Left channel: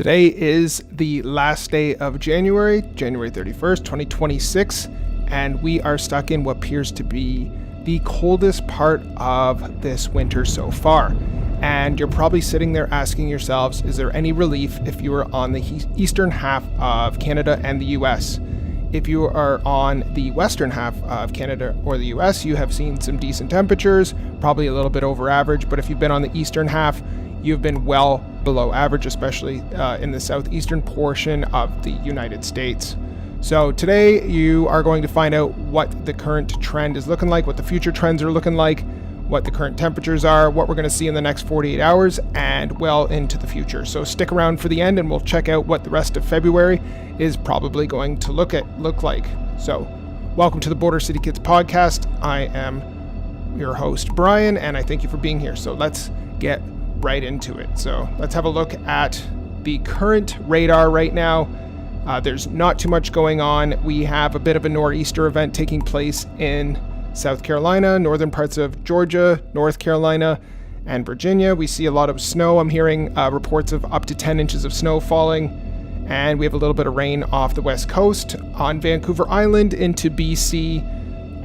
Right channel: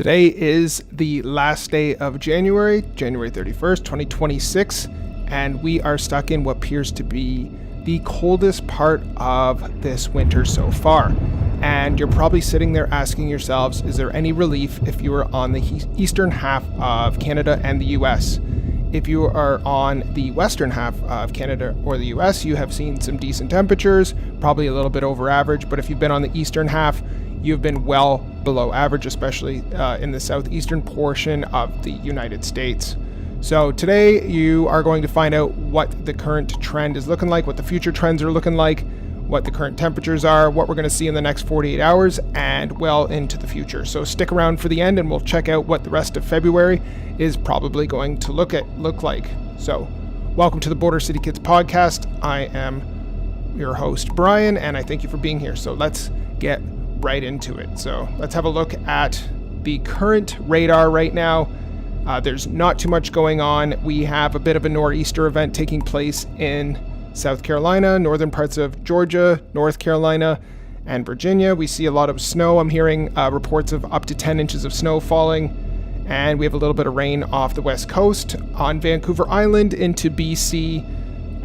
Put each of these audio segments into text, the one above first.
Today is the last day of January 31st, 2026, and we are stuck in what appears to be the coldest part of this winter so far. And you're probably sitting there asking yourselves, is there any relief if you are on the eastern half of Canada and the US? If you are on the western half of Canada or the US, you have seen some decent temperatures, probably a little bit over average, but if you've been on the eastern half, you've been well below average, especially in the southeastern portion of the United States. So today you are going to find out what the current trend is looking like, what the future trends are looking like, what the current temperatures are, what we're going to see in the next 48 hours, and well into the future. So stick around for the end and we'll check out what the rest of February is probably going to look like. So welcome to the Border City Kids podcast. I am your host, Brian, and I thank you for being here. So let's get right into it. So let's have a look at the current radar right now. There's not too much going on. We have a bit of a nor'easter event taking place in South Carolina, northern parts of Georgia, North Carolina, and Virginia. We see a lot of snow. I'm hearing reports of up to 10 inches of snow falling, and we have a little bit of rain off the west coast on Vancouver Island into BC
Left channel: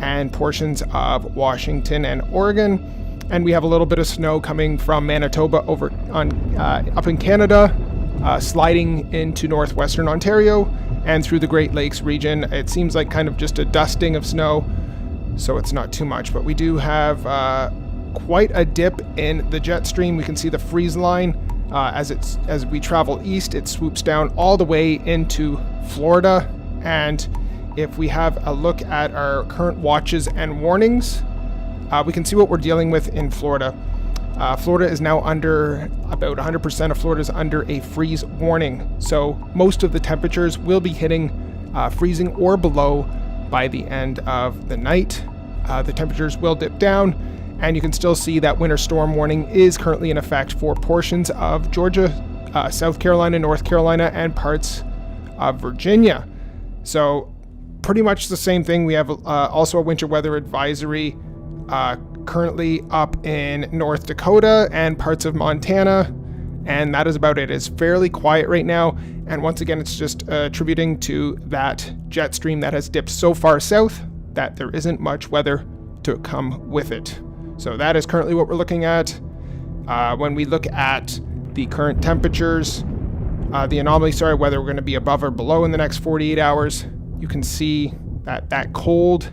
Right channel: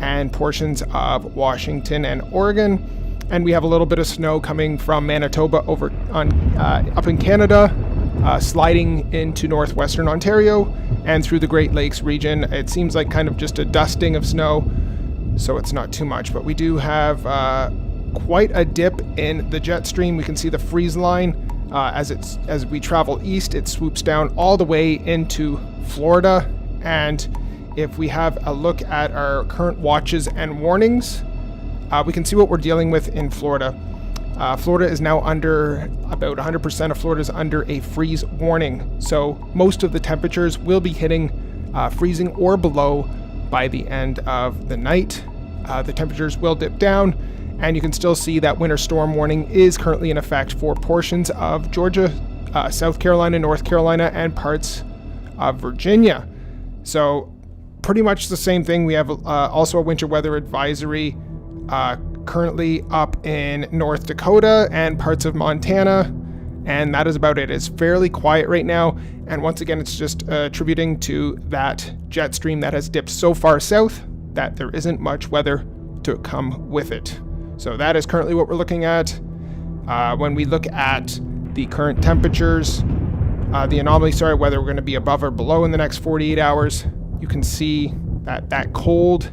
and portions of Washington and Oregon. And we have a little bit of snow coming from Manitoba over on up in Canada, sliding into northwestern Ontario and through the Great Lakes region. It seems like kind of just a dusting of snow, so it's not too much. But we do have quite a dip in the jet stream. We can see the freeze line as we travel east. It swoops down all the way into Florida. And if we have a look at our current watches and warnings, we can see what we're dealing with in Florida. Florida is now under, about 100% of Florida is under a freeze warning. So most of the temperatures will be hitting freezing or below by the end of the night. The temperatures will dip down, and you can still see that winter storm warning is currently in effect for portions of Georgia, South Carolina, North Carolina, and parts of Virginia. So pretty much the same thing. We have also a winter weather advisory currently up in North Dakota and parts of Montana, and that is about it. It's fairly quiet right now, and once again, it's just attributing to that jet stream that has dipped so far south that there isn't much weather to come with it. So that is currently what we're looking at. When we look at the current temperatures, the anomalies, whether we're going to be above or below in the next 48 hours, you can see that cold,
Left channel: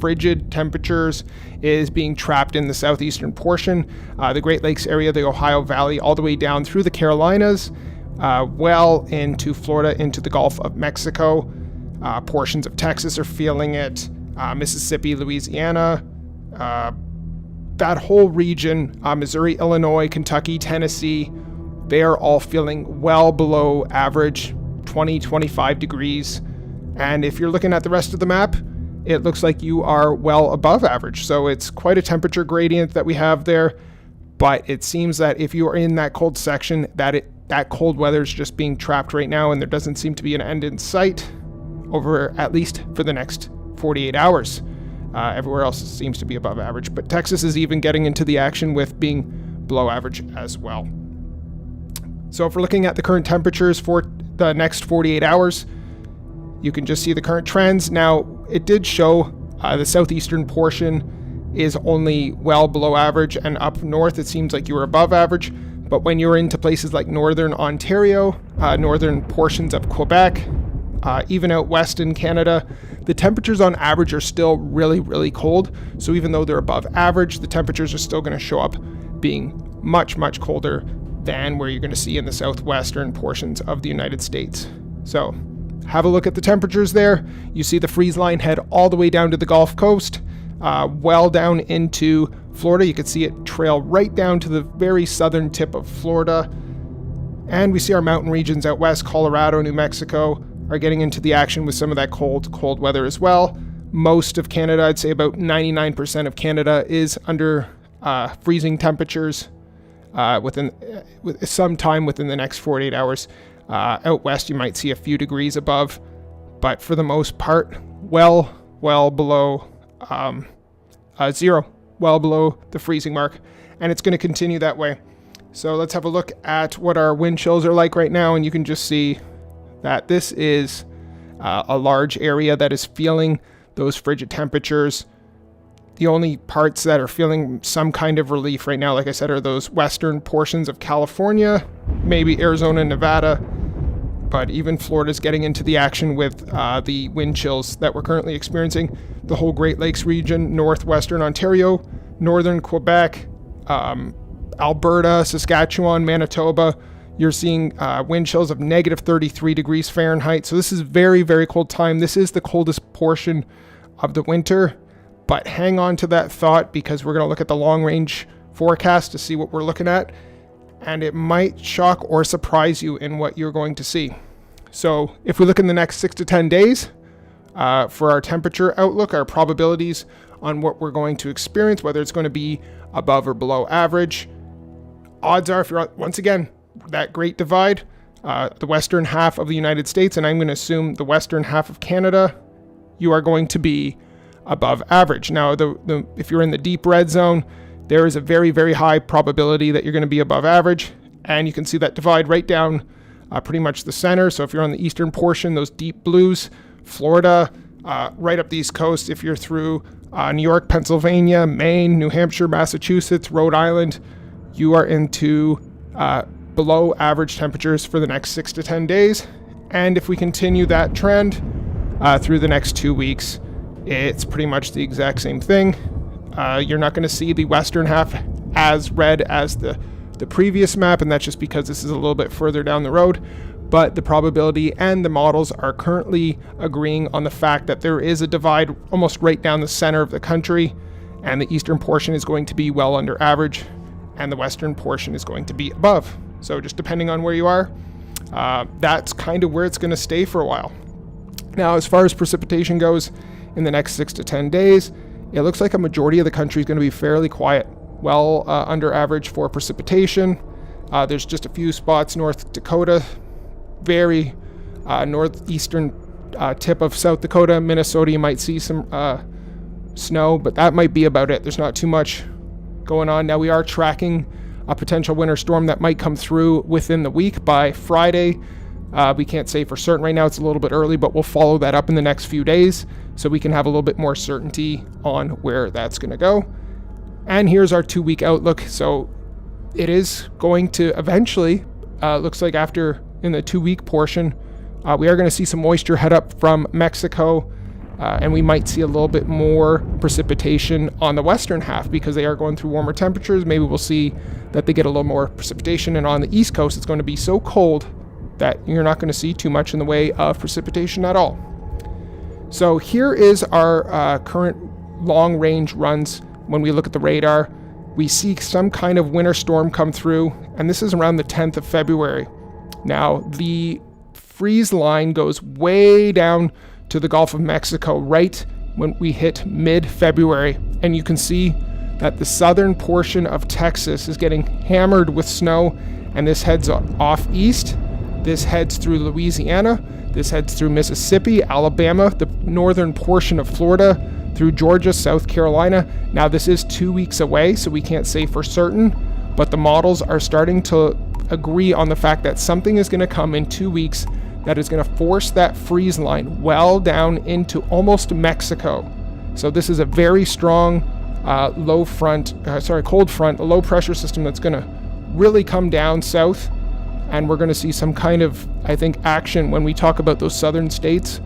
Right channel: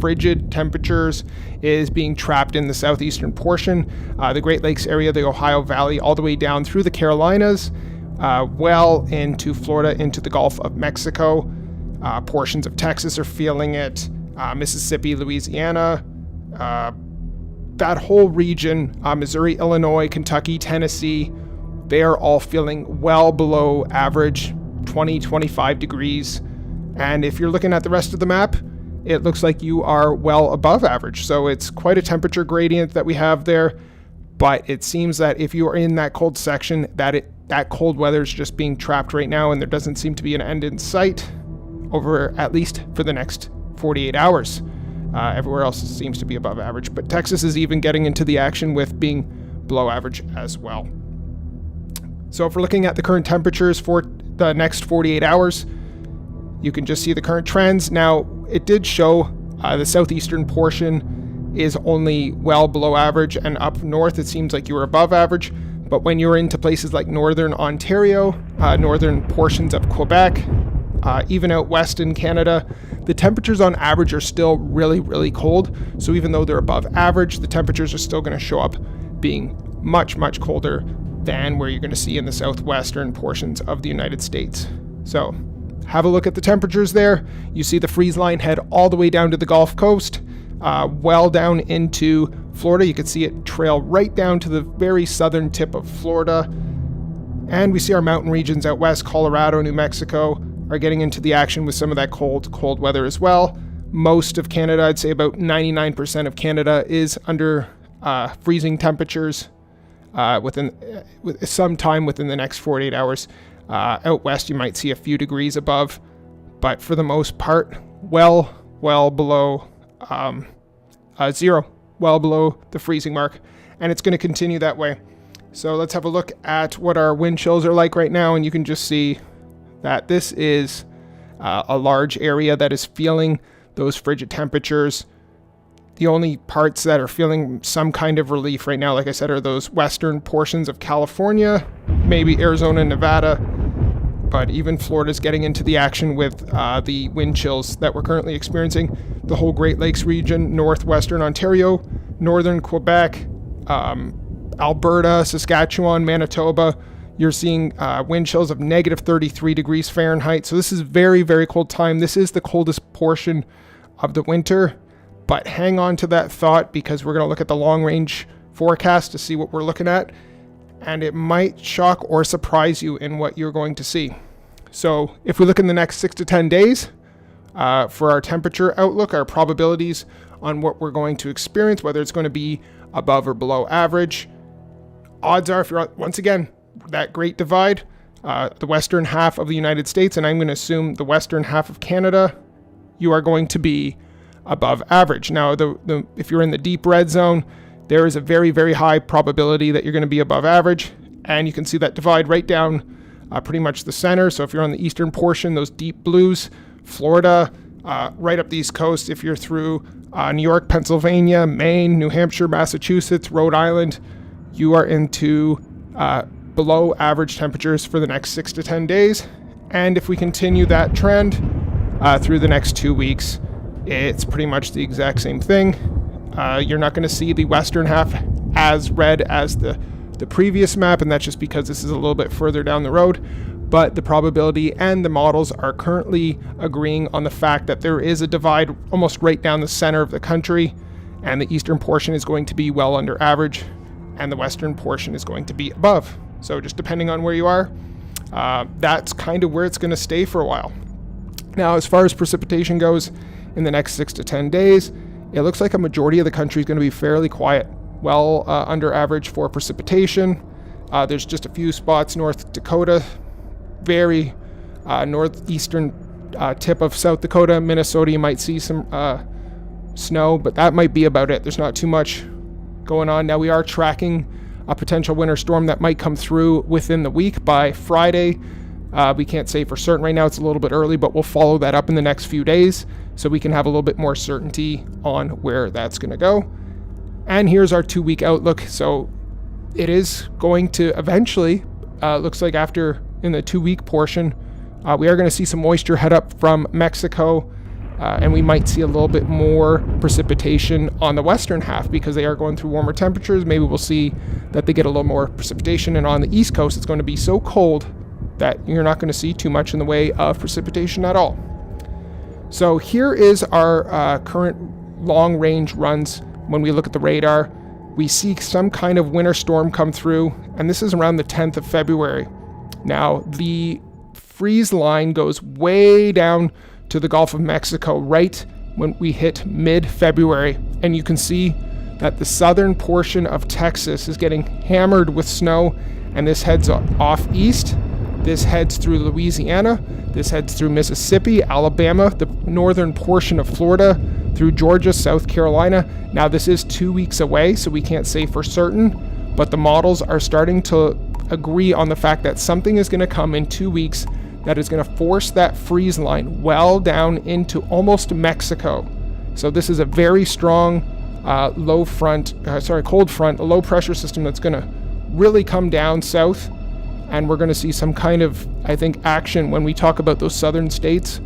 frigid temperatures is being trapped in the southeastern portion, the Great Lakes area, the Ohio Valley, all the way down through the Carolinas, well into Florida, into the Gulf of Mexico. Portions of Texas are feeling it, Mississippi, Louisiana, that whole region, Missouri, Illinois, Kentucky, Tennessee, they are all feeling well below average, 20-25 degrees. And if you're looking at the rest of the map, it looks like you are well above average. So it's quite a temperature gradient that we have there. But it seems that if you are in that cold section, that cold weather is just being trapped right now, and there doesn't seem to be an end in sight over at least for the next 48 hours. Everywhere else seems to be above average. But Texas is even getting into the action with being below average as well. So if we're looking at the current temperatures for the next 48 hours, you can just see the current trends. Now, it did show the southeastern portion is only well below average, and up north it seems like you were above average. But when you're into places like northern Ontario, northern portions of Quebec, even out west in Canada, the temperatures on average are still really, really cold. So even though they're above average, the temperatures are still going to show up being much, much colder than where you're going to see in the southwestern portions of the United States. So have a look at the temperatures there. You see the freeze line head all the way down to the Gulf Coast, well down into Florida. You can see it trail right down to the very southern tip of Florida. And we see our mountain regions out west, Colorado, New Mexico, are getting into the action with some of that cold weather as well. Most of Canada, I'd say about 99% of Canada, is under freezing temperatures with some time within the next 48 hours. Out west, you might see a few degrees above, but for the most part, well below zero, well below the freezing mark, and it's going to continue that way. So let's have a look at what our wind chills are like right now, and you can just see that this is a large area that is feeling those frigid temperatures. The only parts that are feeling some kind of relief right now, like I said, are those western portions of California, maybe Arizona and Nevada, but even Florida's getting into the action with the wind chills that we're currently experiencing. The whole Great Lakes region, northwestern Ontario, northern Quebec, Alberta, Saskatchewan, Manitoba, you're seeing wind chills of negative 33 degrees Fahrenheit. So this is very, very cold time. This is the coldest portion of the winter, but hang on to that thought because we're going to look at the long range forecast to see what we're looking at, and it might shock or surprise you in what you're going to see. So if we look in the next 6 to 10 days for our temperature outlook, our probabilities on what we're going to experience, whether it's going to be above or below average, odds are, if you're once again that great divide, the western half of the United States, and I'm going to assume the western half of Canada, you are going to be above average. Now, if you're in the deep red zone, there is a very, very high probability that you're going to be above average, and you can see that divide right down pretty much the center. So if you're on the eastern portion, those deep blues, Florida, right up the East Coast, if you're through New York, Pennsylvania, Maine, New Hampshire, Massachusetts, Rhode Island, you are into below average temperatures for the next 6 to 10 days. And if we continue that trend through the next 2 weeks, it's pretty much the exact same thing. You're not going to see the western half as red as the previous map, and that's just because this is a little bit further down the road. But the probability and the models are currently agreeing on the fact that there is a divide almost right down the center of the country, and the eastern portion is going to be well under average, and the western portion is going to be above. So just depending on where you are, that's kind of where it's going to stay for a while. Now, as far as precipitation goes, in the next 6 to 10 days, it looks like a majority of the country is going to be fairly quiet, well under average for precipitation. There's just a few spots, North Dakota, very northeastern tip of South Dakota, Minnesota, you might see some snow, but that might be about it. There's not too much going on. Now, we are tracking a potential winter storm that might come through within the week by Friday. We can't say for certain right now. It's a little bit early, but we'll follow that up in the next few days so we can have a little bit more certainty on where that's going to go. And here's our 2-week outlook. So it is going to eventually, looks like after in the 2-week portion, we are going to see some moisture head up from Mexico, and we might see a little bit more precipitation on the western half because they are going through warmer temperatures. Maybe we'll see that they get a little more precipitation, and on the East Coast, it's going to be so cold that you're not going to see too much in the way of precipitation at all. So here is our current long-range runs. When we look at the radar, we see some kind of winter storm come through, and this is around the 10th of February. Now, the freeze line goes way down to the Gulf of Mexico right when we hit mid-February, and you can see that the southern portion of Texas is getting hammered with snow, and this heads off east. This heads through Louisiana, this heads through Mississippi, Alabama, the northern portion of Florida, through Georgia, South Carolina. Now, this is 2 weeks away, so we can't say for certain, but the models are starting to agree on the fact that something is going to come in 2 weeks that is going to force that freeze line well down into almost Mexico. So this is a very strong cold front, a low pressure system that's going to really come down south. And we're going to see some kind of, I think, action when we talk about those southern states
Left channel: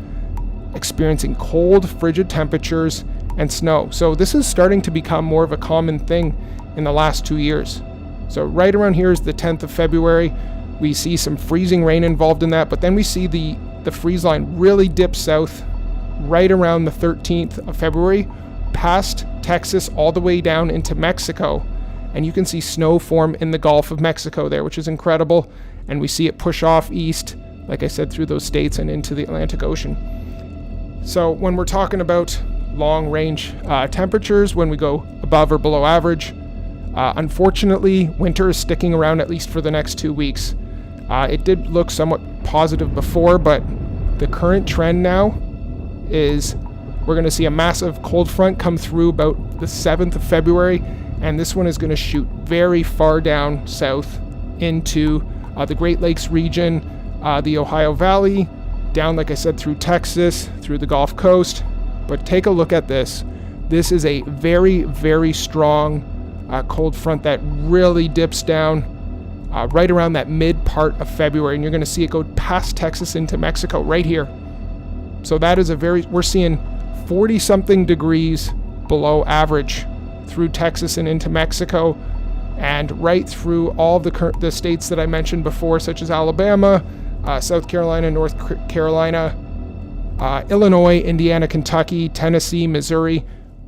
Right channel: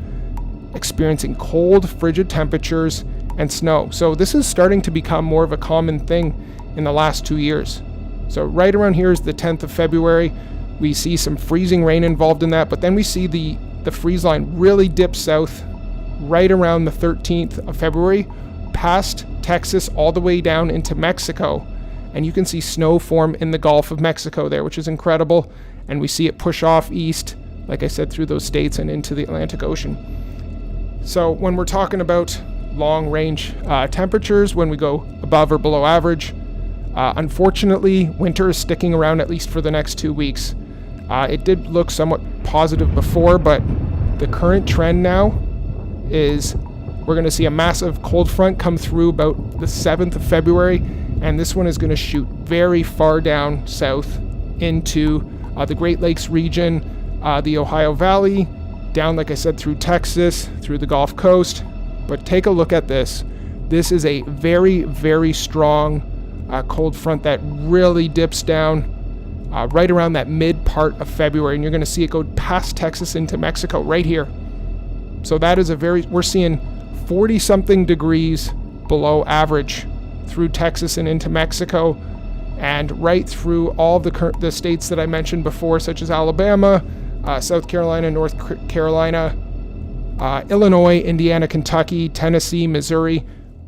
experiencing cold, frigid temperatures and snow. So this is starting to become more of a common thing in the last 2 years. So right around here is the 10th of February. We see some freezing rain involved in that, but then we see the freeze line really dip south right around the 13th of February, past Texas all the way down into Mexico. And you can see snow form in the Gulf of Mexico there, which is incredible. And we see it push off east, like I said, through those states and into the Atlantic Ocean. So when we're talking about long-range temperatures, when we go above or below average, unfortunately, winter is sticking around at least for the next 2 weeks. It did look somewhat positive before, but the current trend now is we're going to see a massive cold front come through about the 7th of February, and this one is going to shoot very far down south into the Great Lakes region, the Ohio Valley, down, like I said, through Texas, through the Gulf Coast. But take a look at this. This is a very, very strong cold front that really dips down right around that mid part of February, and you're going to see it go past Texas into Mexico right here. So that is we're seeing 40 something degrees below average through Texas and into Mexico, and right through all the states that I mentioned before, such as Alabama, South Carolina, North Carolina, Illinois, Indiana, Kentucky, Tennessee, Missouri,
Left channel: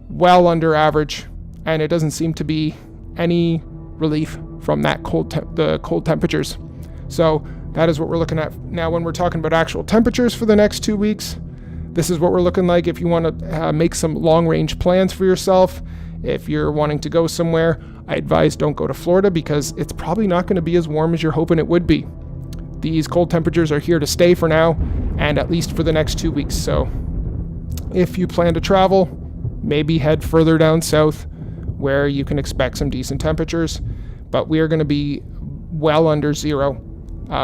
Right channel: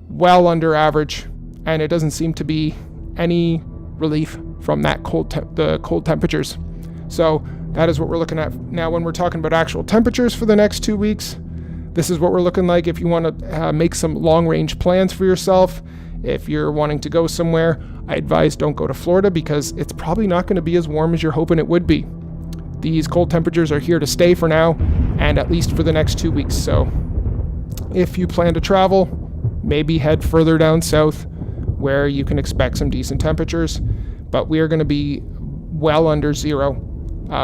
well under average, and it doesn't seem to be any relief from that the cold temperatures. So that is what we're looking at now when we're talking about actual temperatures for the next 2 weeks. This is what we're looking like if you want to make some long-range plans for yourself. If you're wanting to go somewhere, I advise don't go to Florida because it's probably not going to be as warm as you're hoping it would be. These cold temperatures are here to stay for now, and at least for the next 2 weeks. So if you plan to travel, maybe head further down south where you can expect some decent temperatures. But we are going to be well under zero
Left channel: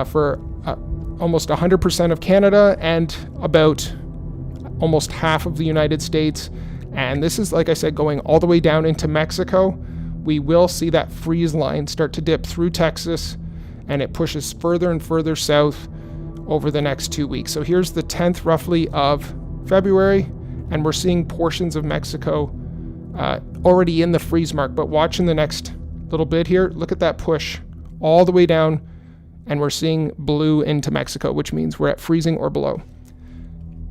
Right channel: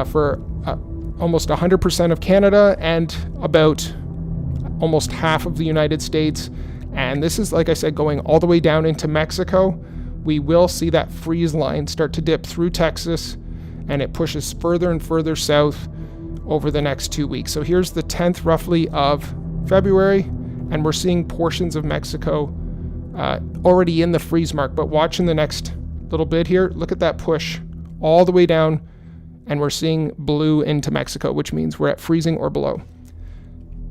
for almost 100% of Canada and about almost half of the United States. And this is, like I said, going all the way down into Mexico. We will see that freeze line start to dip through Texas, and it pushes further and further south over the next 2 weeks. So here's the 10th roughly of February, and we're seeing portions of Mexico already in the freeze mark. But watching the next little bit here, look at that push all the way down, and we're seeing blue into Mexico, which means we're at freezing or below.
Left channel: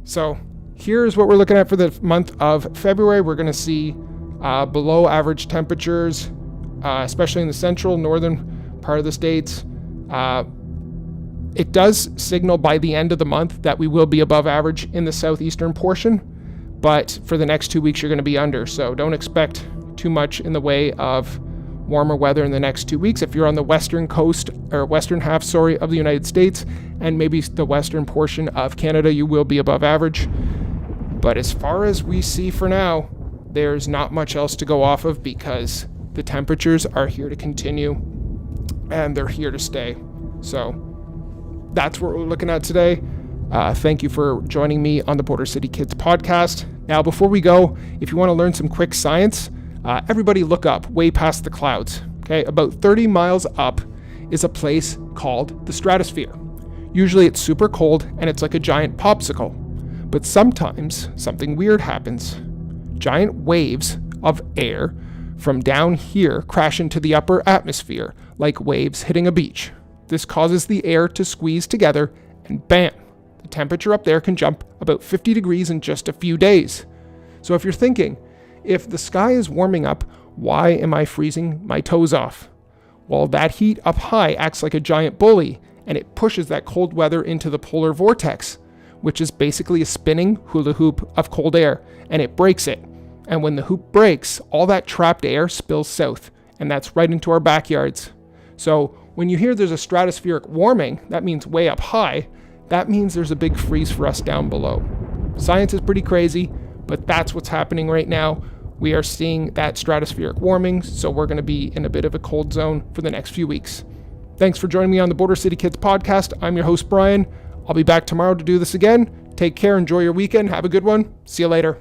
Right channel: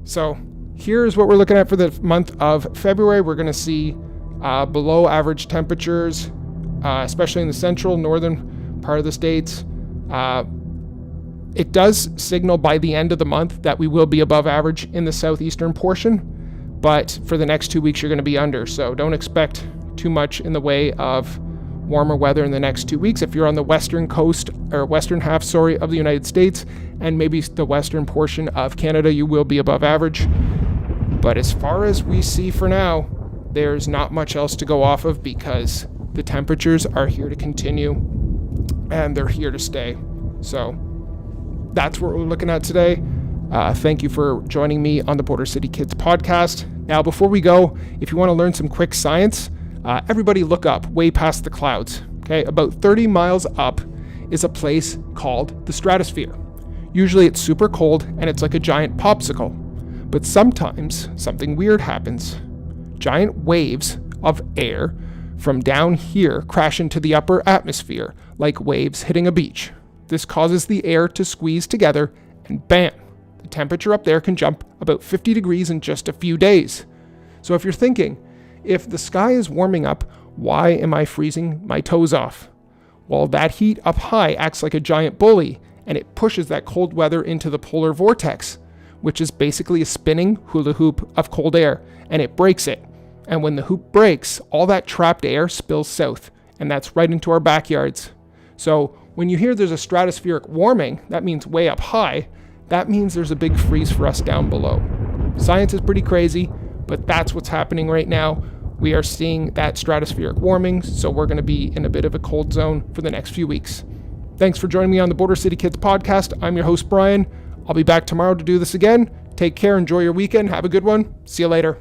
So here's what we're looking at for the month of February. We're going to see below average temperatures, especially in the central, northern part of the states. It does signal by the end of the month that we will be above average in the southeastern portion, but for the next 2 weeks, you're going to be under. So don't expect too much in the way of warmer weather in the next 2 weeks. If you're on the western coast or western half, of the United States and maybe the western portion of Canada, you will be above average. But as far as we see for now, there's not much else to go off of because the temperatures are here to continue and they're here to stay. So that's what we're looking at today. Thank you for joining me on the Border City Kids podcast. Now, before we go, if you want to learn some quick science, everybody look up way past the clouds. Okay, about 30 miles up is a place called the stratosphere. Usually it's super cold and it's like a giant popsicle. But sometimes something weird happens. Giant waves of air from down here crash into the upper atmosphere like waves hitting a beach. This causes the air to squeeze together and bam, the temperature up there can jump about 50 degrees in just a few days. So if you're thinking, if the sky is warming up, why am I freezing my toes off? Well, that heat up high acts like a giant bully, and it pushes that cold weather into the polar vortex, which is basically a spinning hula hoop of cold air, and it breaks it. And when the hoop breaks, all that trapped air spills south, and that's right into our backyards. So when you hear there's a stratospheric warming, that means way up high, that means there's a big freeze for us down below. Science is pretty crazy, but that's what's happening right now. We are seeing that stratospheric warming, so we're going to be in a bit of a cold zone for the next few weeks. Thanks for joining me on the Border City Kids podcast. I'm your host, Brian. I'll be back tomorrow to do this again. Take care, enjoy your weekend, have a good one. See you later.